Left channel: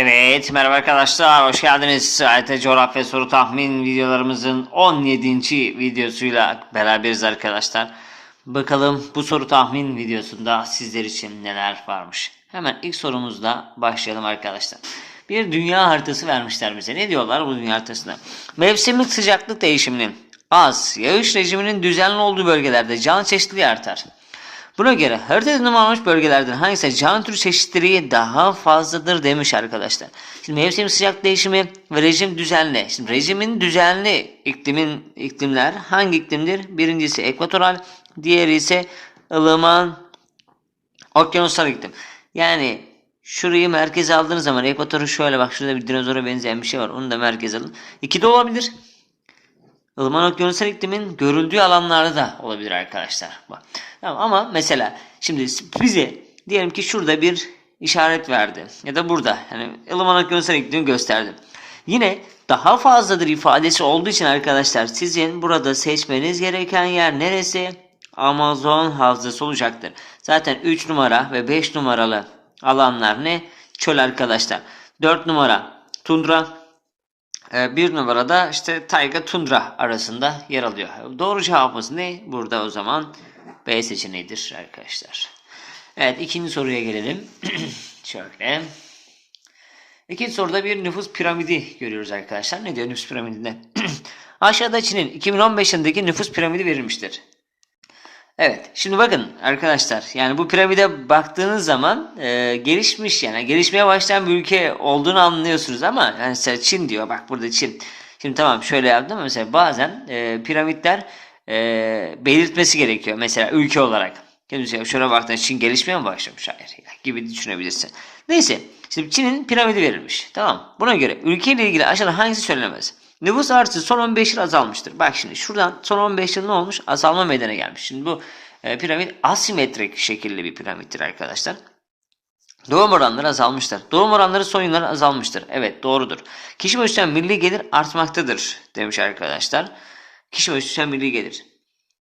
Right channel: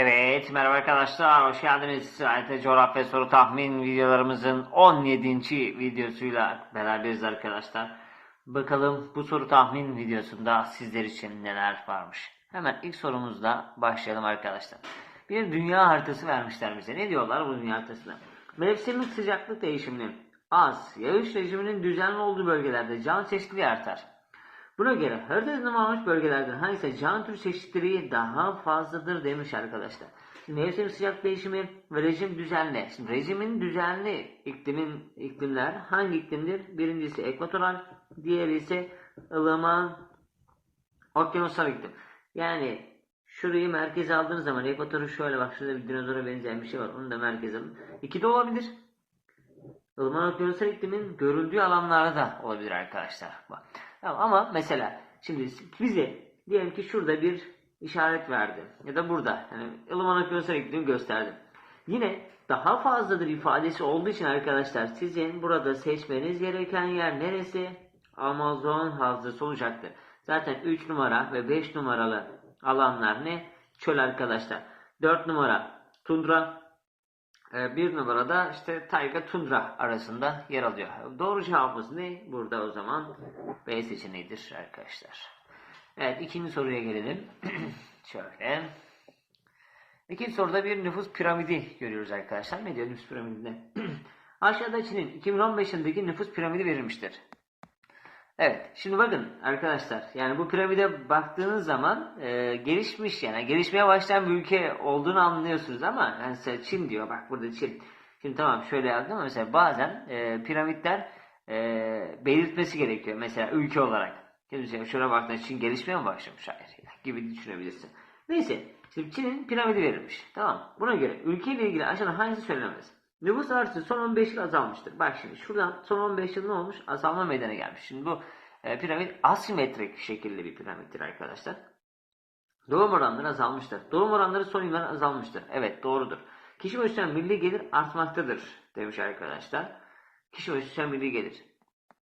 Evet, merhaba arkadaşlar, hoş geldiniz. AYT Coğrafya Soru Tahmin videolarımızın 17. videosuyla beraberiz arkadaşlar. Bakalım bu soru tahmin videosunda sizler için neler varmış. Hemen ilk sorumuzla başlayalım arkadaşlar. Bir dünya haritası vermişler bize. Ne diyorlar bu dünya haritasında? Mevsimlik sıcaklık değişiminin az, yağış rejiminin düzenli olduğu bölgelerde canlı çeşitliliği artar. Buna göre haritada numaralanmış bölgelerden hangisi canlı tür çeşitliliği daha fazladır demiş arkadaşlar. Şimdi mevsim sıcak değişimi ve rejim düzenli. Şimdi rejimin düzenli iklimin iklimler hangi iklimdir? Birincisi ekvatoral, diğeri ise ılıman okyanusal iklim. Yani şurayı merkeze aldığınız zaman ekvatoru şöyle bak şurada bir dinozora benzeyen bir şey var. Onu da merkeze alın. İki de olabilir. Ilıman okyanusal iklimin görüldüğü alanlarda da olabilir arkadaşlar. Tamam, ama mesela şimdi bize diyelim ki şurada bir işaret verdi ya da burada yani ılıman okyanusal iklimi gösterdi. Yine daha fazladır ifadesi olduğu için arkadaşlar sizin burada seçmeniz gereken yer neresi? Amazon havzası olacaktır. Zaten 3 numara ve 5 numaralı alanlar ne? Çöl arkadaşlar. 4 numara tundra, bir numarada işte tayga tundra arasında yer alıyor. Doğru cevabımız ne? Burada o zaman B seçeneğidir arkadaşlar. Evet ikinci soruya gelelim. Şöyle. İkinci soruda bir nüfus piramidi görüyoruz arkadaşlar. Ne diyor nüfus piramidinde? Aşağıda Çin'in 2015 yılındaki nüfus piramidi verilmiştir. Evet. Şimdi bakın arkadaşlar yani bu piramide baktığınız zaman e, gelişmiş yani gelişmeye başlayan bir ülke olduğunu anlıyorsunuz ama yani mesela Çin diyor bak burada Çin. Şimdi tamam şöyle yaptım mesela bazen e, piramitler e, belirtmesi gerekiyor mesela ülke olarak. Mesela şöyle baktığında Çin gelişmeye mi başlamış? Hayır gibi düşünebilirsin. Neyse şimdi Çin'in piramidi verilmiş. Tamam. Buna göre ülkeyle ilgili aşağıda hangisi söylenemez? Nüfus artışı son 15 yıl azalmıştır. Bak şimdi şuradan son 15 yıl ne olmuş? Azalma meydana gelmiş. Şimdi bu e, piramit asimetrik şekilli bir piramittir arkadaşlar. Doğum oranları azalmıştır. Doğum oranları son yıllarda azalmıştır. Evet doğrudur. Kişi başına milli gelir artmaktadır demiş arkadaşlar. Kişi başına milli gelir.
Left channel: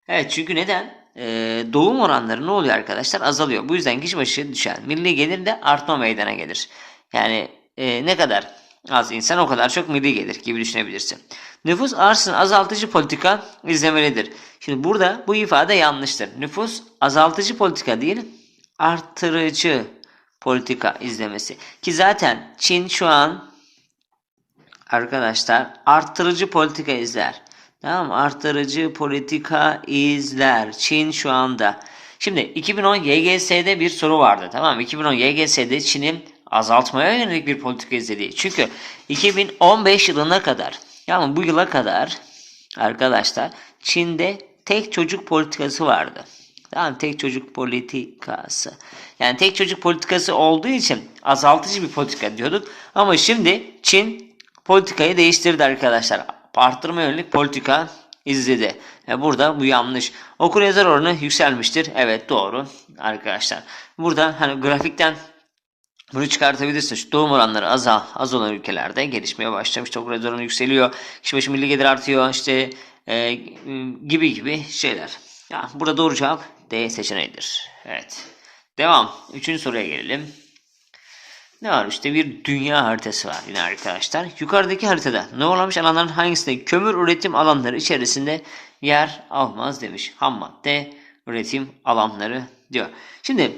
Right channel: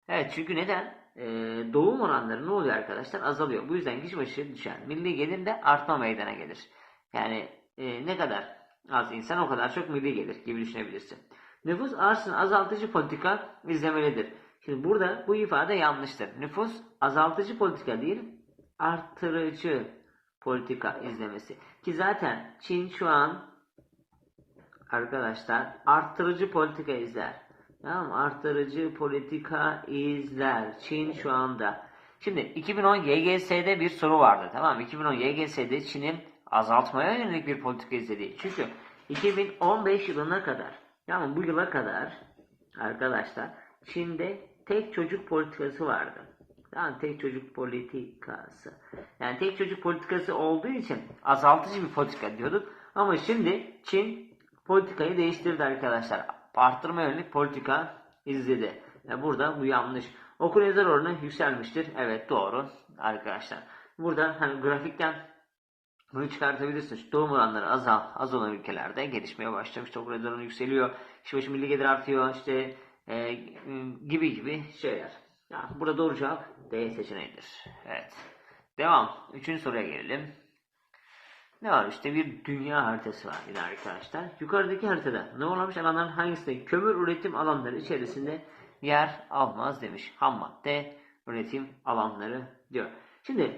Evet çünkü neden? Ee, doğum oranları ne oluyor arkadaşlar? Azalıyor. Bu yüzden kişi başı düşer. Milli gelir de artma meydana gelir. Yani e, ne kadar az insan o kadar çok milli gelir gibi düşünebilirsin. Nüfus artışını azaltıcı politika izlemelidir. Şimdi burada bu ifade yanlıştır. Nüfus azaltıcı politika değil, artırıcı politika izlemesi. Ki zaten Çin şu an arkadaşlar artırıcı politika izler. Tamam? Artırıcı politika izler. Çin şu anda. Şimdi 2010 YGS'de bir soru vardı. Tamam mı? 2010 YGS'de Çin'in azaltmaya yönelik bir politika izlediği. Çünkü 2015 yılına kadar yani bu yıla kadar arkadaşlar Çin'de tek çocuk politikası vardı. Tamam tek çocuk politikası. Yani tek çocuk politikası olduğu için azaltıcı bir politika diyorduk. Ama şimdi Çin politikayı değiştirdi arkadaşlar. Arttırma yönelik politika izledi. Yani burada bu yanlış. Okur yazar oranı yükselmiştir. Evet doğru arkadaşlar. Burada hani grafikten bunu çıkartabilirsin. Şu doğum oranları az, az olan ülkelerde gelişmeye başlamış. Yazar oranı yükseliyor. Kişi başı milli gelir artıyor. İşte e, gibi gibi şeyler. Ya, burada doğru cevap D seçeneğidir. Evet. Devam. Üçüncü soruya gelelim. Ne var işte bir dünya haritası var yine arkadaşlar. Yukarıdaki haritada ne olamış alanların hangisinde kömür üretim alanları içerisinde yer almaz demiş. Ham madde üretim alanları diyor. Şimdi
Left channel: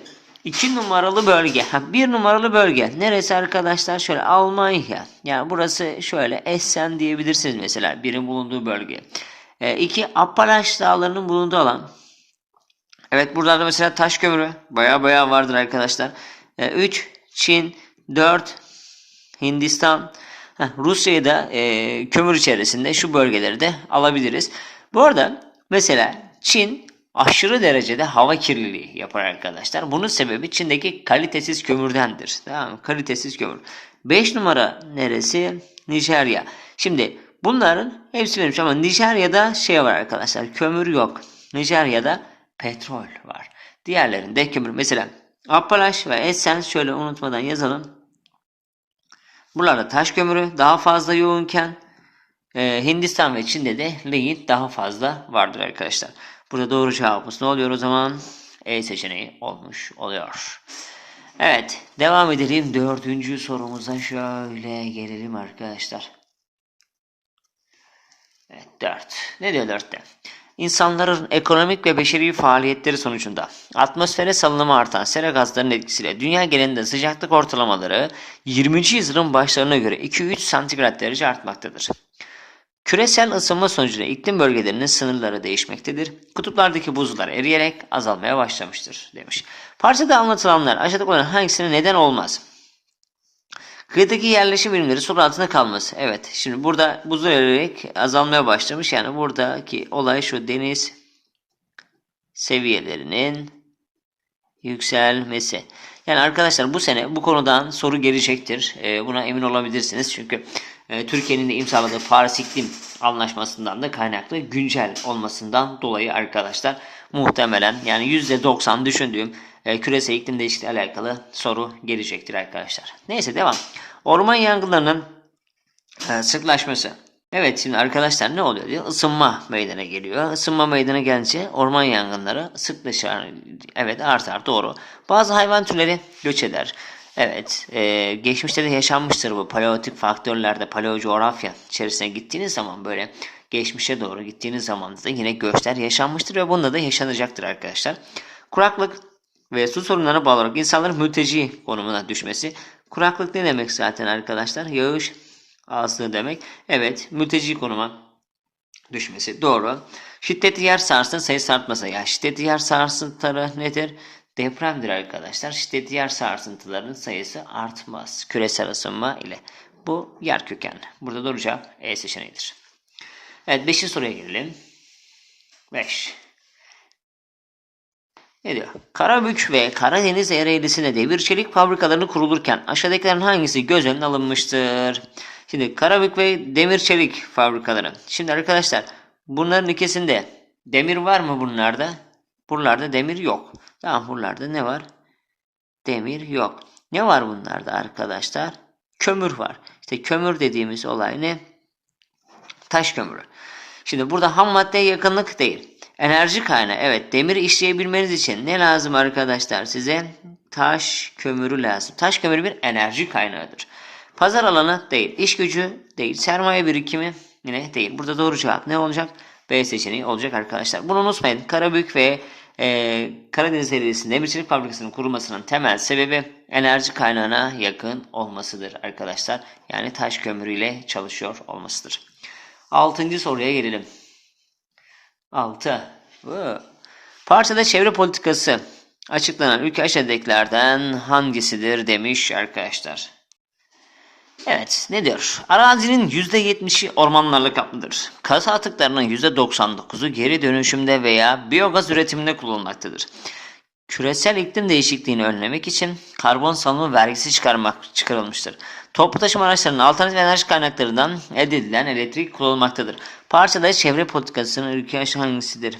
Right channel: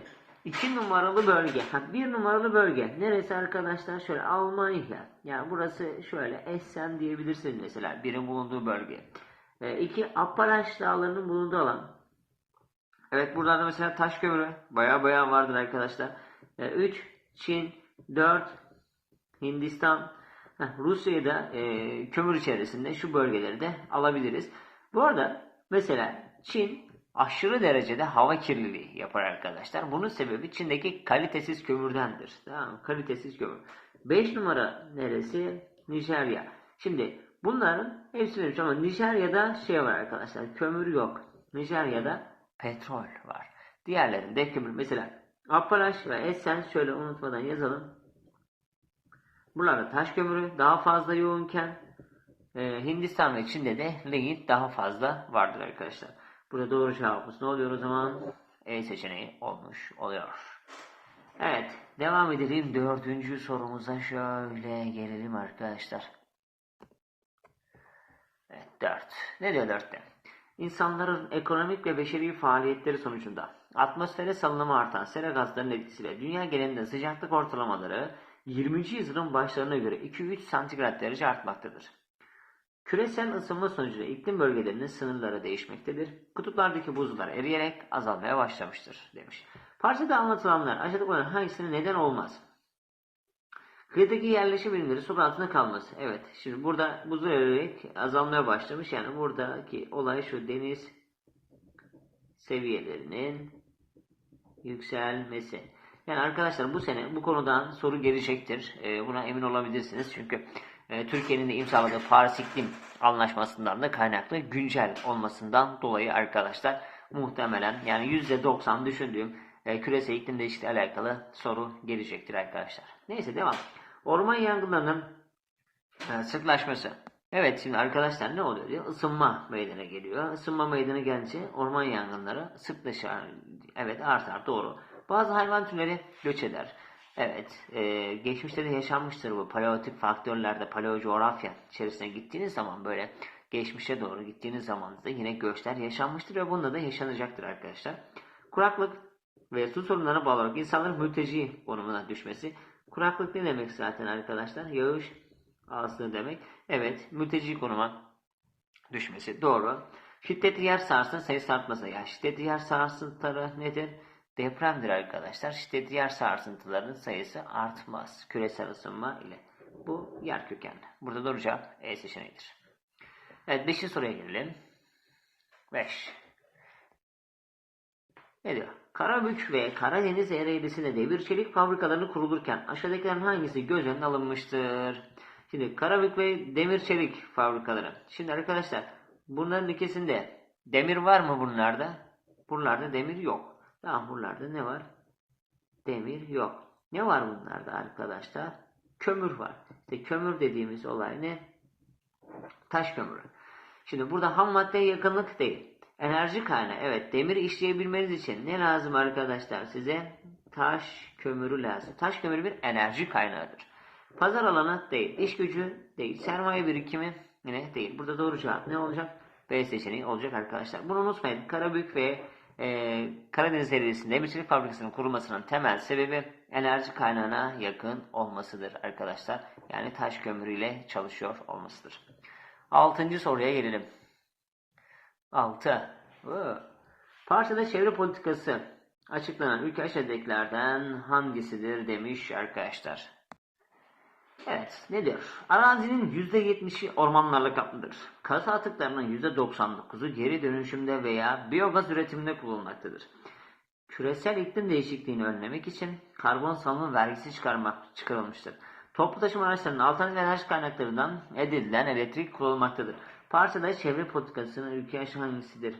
iki numaralı bölge. Ha, bir numaralı bölge. Neresi arkadaşlar? Şöyle Almanya. Yani burası şöyle Essen diyebilirsiniz mesela. Birin bulunduğu bölge. E, iki Appalaç dağlarının bulunduğu alan. Evet buralarda mesela taş kömürü baya baya vardır arkadaşlar. 3 e, Çin 4 Hindistan Heh, Rusya'yı da e, kömür içerisinde şu bölgeleri de alabiliriz. Bu arada mesela Çin aşırı derecede hava kirliliği yapar arkadaşlar. Bunun sebebi Çin'deki kalitesiz kömürdendir. Tamam mı? Kalitesiz kömür. 5 numara neresi? Nijerya. Şimdi bunların hepsi benim ama Nijerya'da şey var arkadaşlar. Kömür yok. Nijerya'da petrol var. Diğerlerinde kömür. Mesela Appalaş ve Essen şöyle unutmadan yazalım. Buralarda taş kömürü daha fazla yoğunken e, Hindistan ve Çin'de de lignit daha fazla vardır arkadaşlar. Burada doğru cevabımız ne oluyor o zaman? E seçeneği olmuş oluyor. Evet, devam edelim. Dördüncü sorumuza şöyle gelelim arkadaşlar. Evet, dört. Ne diyor dörtte? İnsanların ekonomik ve beşeri faaliyetleri sonucunda atmosfere salınımı artan sera gazlarının etkisiyle dünya genelinde sıcaklık ortalamaları 20. yüzyılın başlarına göre 2-3 santigrat derece artmaktadır. Küresel ısınma sonucunda iklim bölgelerinin sınırları değişmektedir. Kutuplardaki buzullar eriyerek azalmaya başlamıştır demiş. Parçada anlatılanlar aşağıdakilerden hangisine neden olmaz? Kıyıdaki yerleşim birimleri su altında kalması. Evet şimdi burada buzul eriyerek azalmaya başlamış. Yani buradaki olay şu deniz seviyelerinin yükselmesi. Yani arkadaşlar bu sene bu konudan soru gelecektir. Ee, buna emin olabilirsiniz. Çünkü e, Türkiye'nin de imzaladığı Paris İklim Anlaşması'ndan da kaynaklı güncel olmasından dolayı arkadaşlar muhtemelen yani %90 düşündüğüm e, küresel iklim değişikliği alakalı soru gelecektir arkadaşlar. Neyse devam. Orman yangınlarının e, sıklaşması. Evet şimdi arkadaşlar ne oluyor diyor? Isınma meydana geliyor. Isınma meydana gelince orman yangınları sıklaşır. Evet artar doğru. Bazı hayvan türleri göç eder. Evet e, geçmişte de yaşanmıştır bu paleolitik faktörlerde paleocoğrafya içerisine gittiğiniz zaman böyle geçmişe doğru gittiğiniz zaman da yine göçler yaşanmıştır ve bunda da yaşanacaktır arkadaşlar. Kuraklık ve su sorunlarına bağlı olarak insanların mülteci konumuna düşmesi. Kuraklık ne demek zaten arkadaşlar? Yağış azlığı demek. Evet mülteci konuma düşmesi. Doğru. Şiddetli yer sarsıntı sayısı artması. Ya şiddetli yer sarsıntıları nedir? Depremdir arkadaşlar. Şiddetli yer sarsıntılarının sayısı artmaz. Küresel ısınma ile. Bu yer kökenli. Burada doğru cevap E seçeneğidir. Evet 5. soruya gelelim. 5. Ne diyor? Karabük ve Karadeniz Ereğlisi'nde demir çelik fabrikalarını kurulurken aşağıdakilerin hangisi göz önüne alınmıştır? Şimdi Karabük ve demir çelik fabrikaları. Şimdi arkadaşlar bunların ikisinde demir var mı bunlarda? Buralarda demir yok. Tamam buralarda ne var? Demir yok. Ne var bunlarda arkadaşlar? Kömür var. İşte kömür dediğimiz olay ne? Taş kömürü. Şimdi burada ham maddeye yakınlık değil. Enerji kaynağı. Evet demiri işleyebilmeniz için ne lazım arkadaşlar size? Taş kömürü lazım. Taş kömürü bir enerji kaynağıdır. Pazar alanı değil. iş gücü değil. Sermaye birikimi yine değil. Burada doğru cevap ne olacak? B seçeneği olacak arkadaşlar. Bunu unutmayın. Karabük ve e, Karadeniz Ereğlisi'nde demirçilik fabrikasının kurulmasının temel sebebi enerji kaynağına yakın olmasıdır arkadaşlar. Yani taş kömürüyle çalışıyor olmasıdır. Altıncı soruya gelelim. 6. Parçada çevre politikası açıklanan ülke aşağıdakilerden hangisidir demiş arkadaşlar. Evet ne diyor? Arazinin %70'i ormanlarla kaplıdır. Kasa atıklarının %99'u geri dönüşümde veya biyogaz üretiminde kullanılmaktadır. Küresel iklim değişikliğini önlemek için karbon salımı vergisi çıkarmak çıkarılmıştır. Toplu taşıma araçlarının alternatif enerji kaynaklarından elde edilen elektrik kullanılmaktadır. Parçada çevre politikasının ülke hangisidir?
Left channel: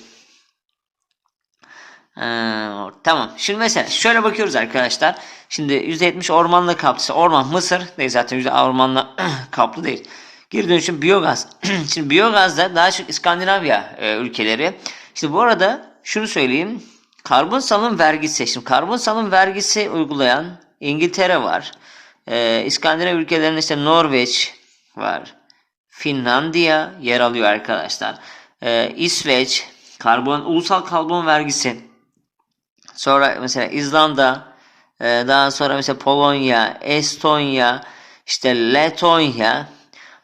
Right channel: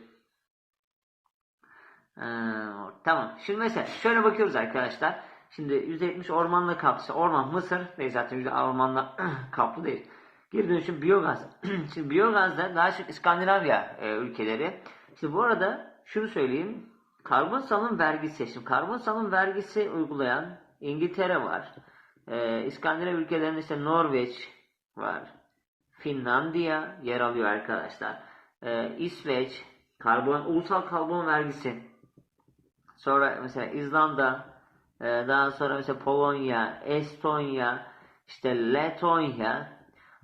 Ee, tamam. Şimdi mesela şöyle bakıyoruz arkadaşlar. Şimdi %70 ormanla kaplı. Orman Mısır değil zaten %60 ormanla kaplı değil. Geri dönüşüm biyogaz. Şimdi biyogazda daha çok İskandinavya e, ülkeleri. İşte bu arada şunu söyleyeyim. Karbon salım vergisi. Şimdi karbon salım vergisi uygulayan İngiltere var. Ee, İskandinav ülkelerinde işte Norveç var. Finlandiya yer alıyor arkadaşlar. Ee, İsveç karbon ulusal karbon vergisi. Sonra mesela İzlanda, e, daha sonra mesela Polonya, Estonya, işte Letonya.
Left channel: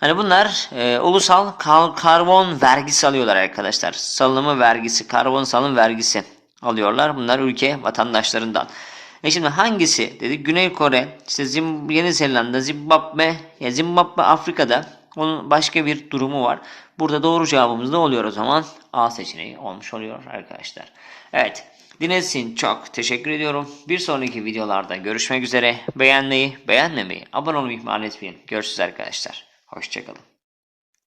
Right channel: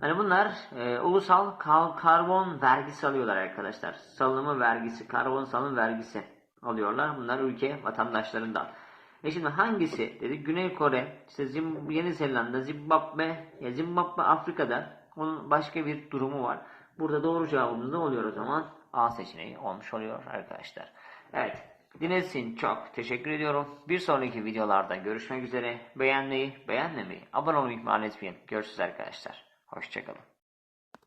Hani bunlar e, ulusal kar karbon vergisi alıyorlar arkadaşlar. Salımı vergisi, karbon salım vergisi alıyorlar. Bunlar ülke vatandaşlarından. E şimdi hangisi dedi? Güney Kore, işte Zim Yeni Zelanda, Zimbabwe, ya Zimbabwe Afrika'da onun başka bir durumu var. Burada doğru cevabımız ne oluyor o zaman? A seçeneği olmuş oluyor arkadaşlar. Evet. Dinlediğiniz için çok teşekkür ediyorum. Bir sonraki videolarda görüşmek üzere. Beğenmeyi, beğenmemeyi, abone olmayı ihmal etmeyin. Görüşürüz arkadaşlar. Hoşçakalın.